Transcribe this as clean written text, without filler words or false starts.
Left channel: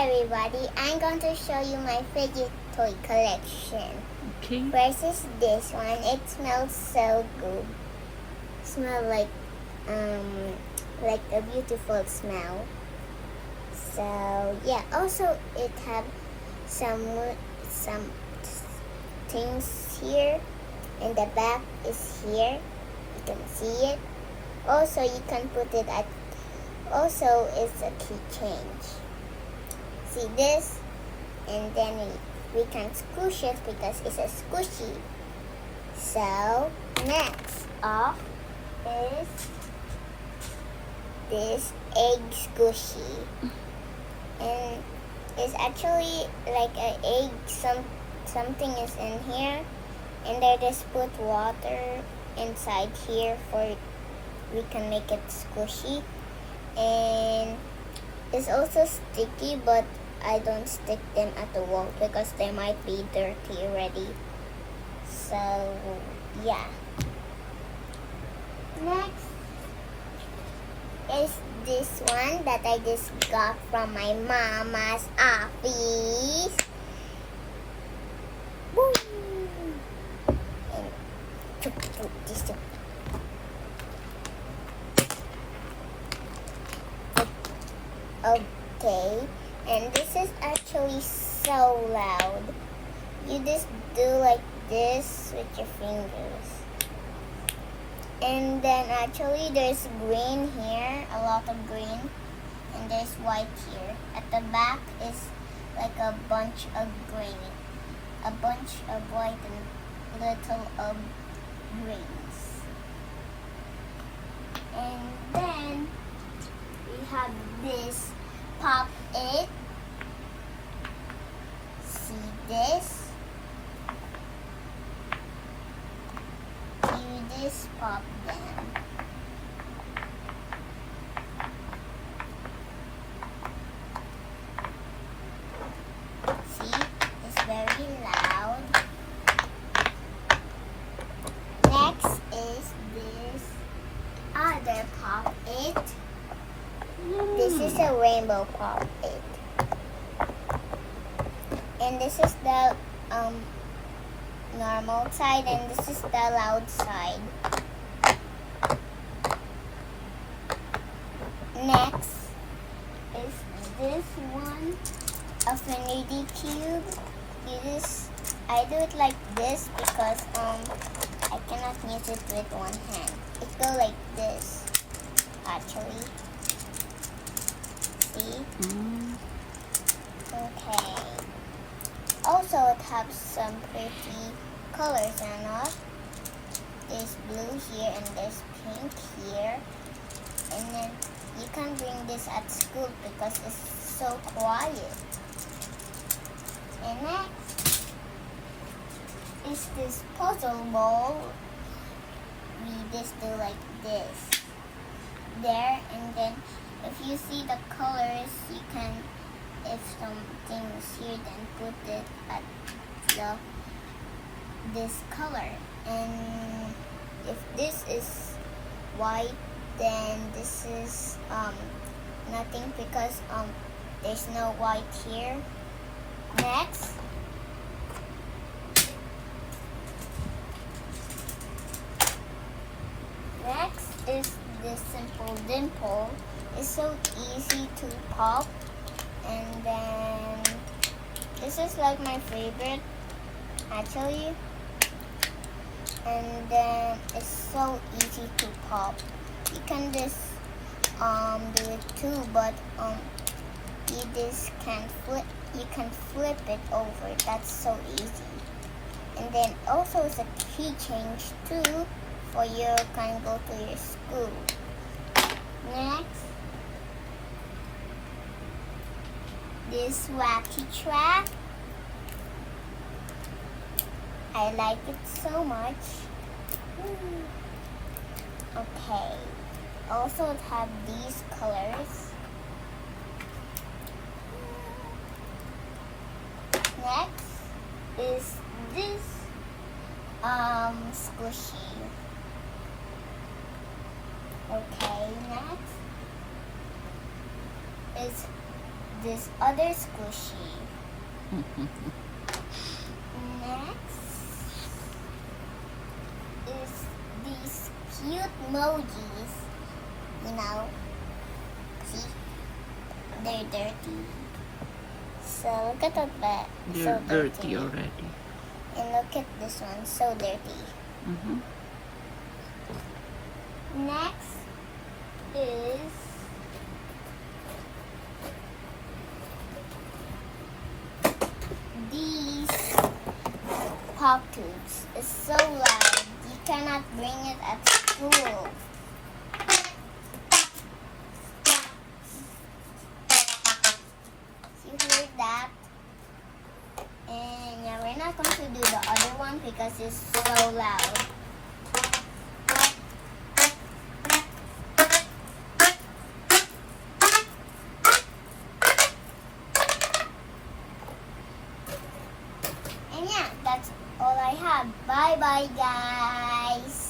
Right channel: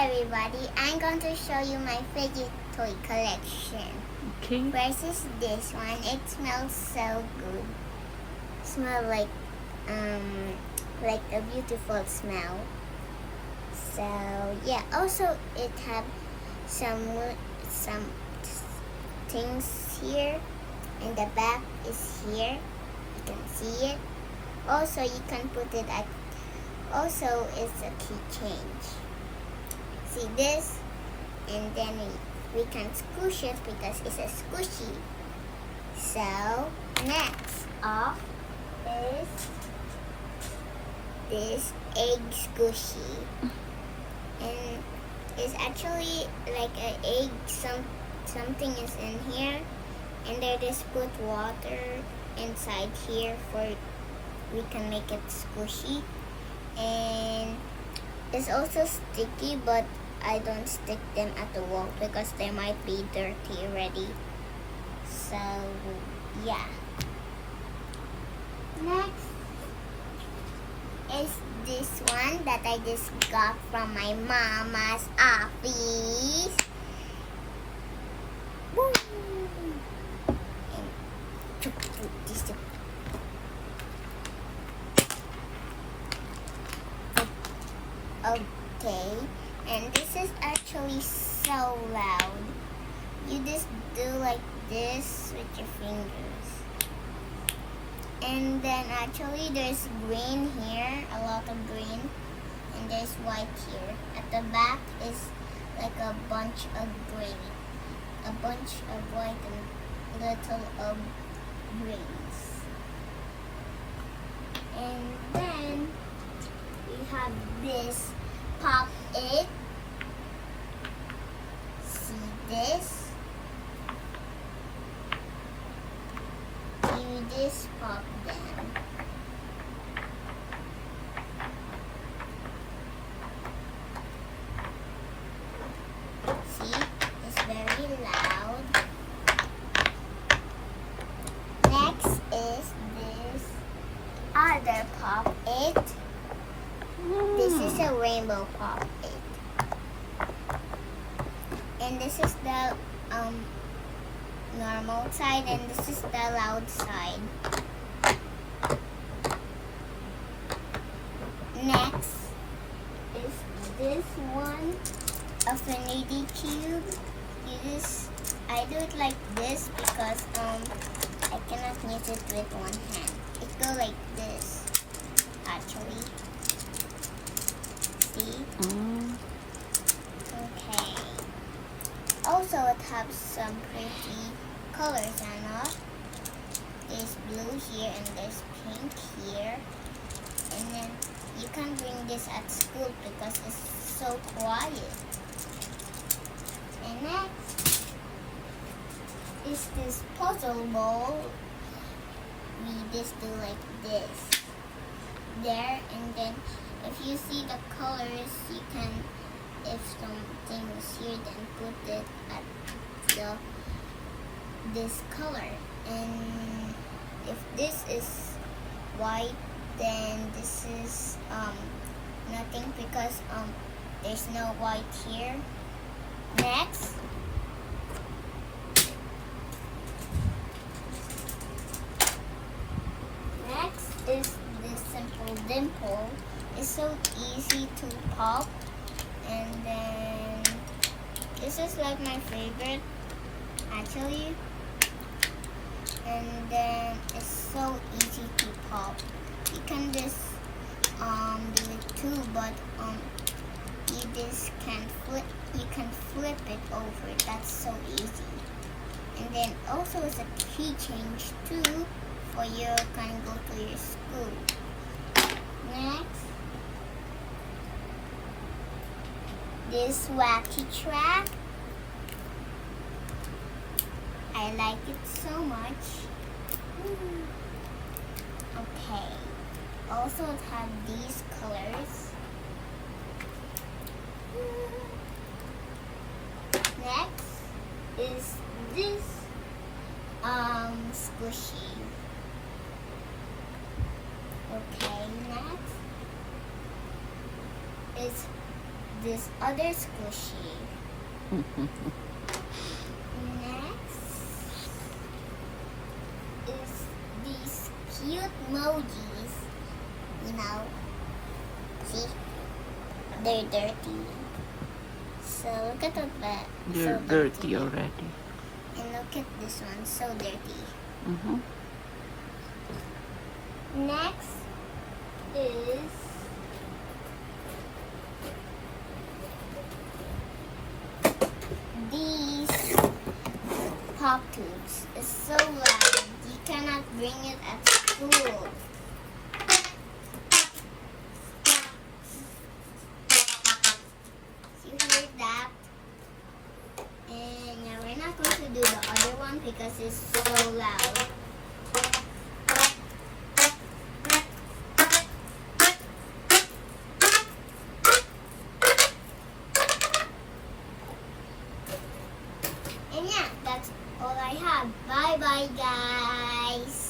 everybody, I'm going to show you my Fidget toy collection. Okay. Versus this one, it smells so good. Smell like a beautiful smell. So yeah, also it have some things here, and the back is here. You can see it. Also, you can put it at. Also, it's a key change. See this, and then we can squish it because it's a squishy. So next up is this egg squishy, and it's actually like an egg. Something is in here, and they just put water inside here for we can make it squishy. And it's also sticky, but I don't stick them at the wall because they might be dirty already. So yeah. Next is this one that I just got from my mama's office. Woo! And just okay, and this is actually so loud. You just do like this with your fingers. And then actually there's green here, a lot of green, and there's white here. At the back is like a bunch of green, a bunch of white and little of greens. And then we have this pop it. See this? You just pop them. See? It's very loud. Next is this other pop it. This is a rainbow pop it. And this is the normal side, and this is the loud side. Next is this one, Affinity Cube. I do it like this because I cannot use it with one hand. It goes like this, actually. See? Okay. Also, it has some pretty colors on it. There's blue here and there's pink here. And then you can bring this at school because it's so quiet. And next is this puzzle ball. We just do like this. There, and then if you see the colors, you can, if something is here, then put it at this color. And if this is white, then this is nothing because there's no white here. Next is this simple dimple. It's so easy to pop, and then this is like my favorite actually, and then it's so easy to pop. You can just do it too, but you just you can flip it over. That's so easy. And then also it's a key change too, for you can go to your school. Next, this wacky track. I like it so much. Okay. Also, it has these colors. Next is this squishy. Okay, next is this other squishy. Next is these cute emojis. You know, see, they're dirty. So look at that. You're So dirty already. And look at this one, so dirty. Next is these pop tubes. It's so loud. You cannot bring it at school. You hear that? And yeah, we're not going to do the other one because it's so loud. And yeah, that's all I have. Bye bye, guys.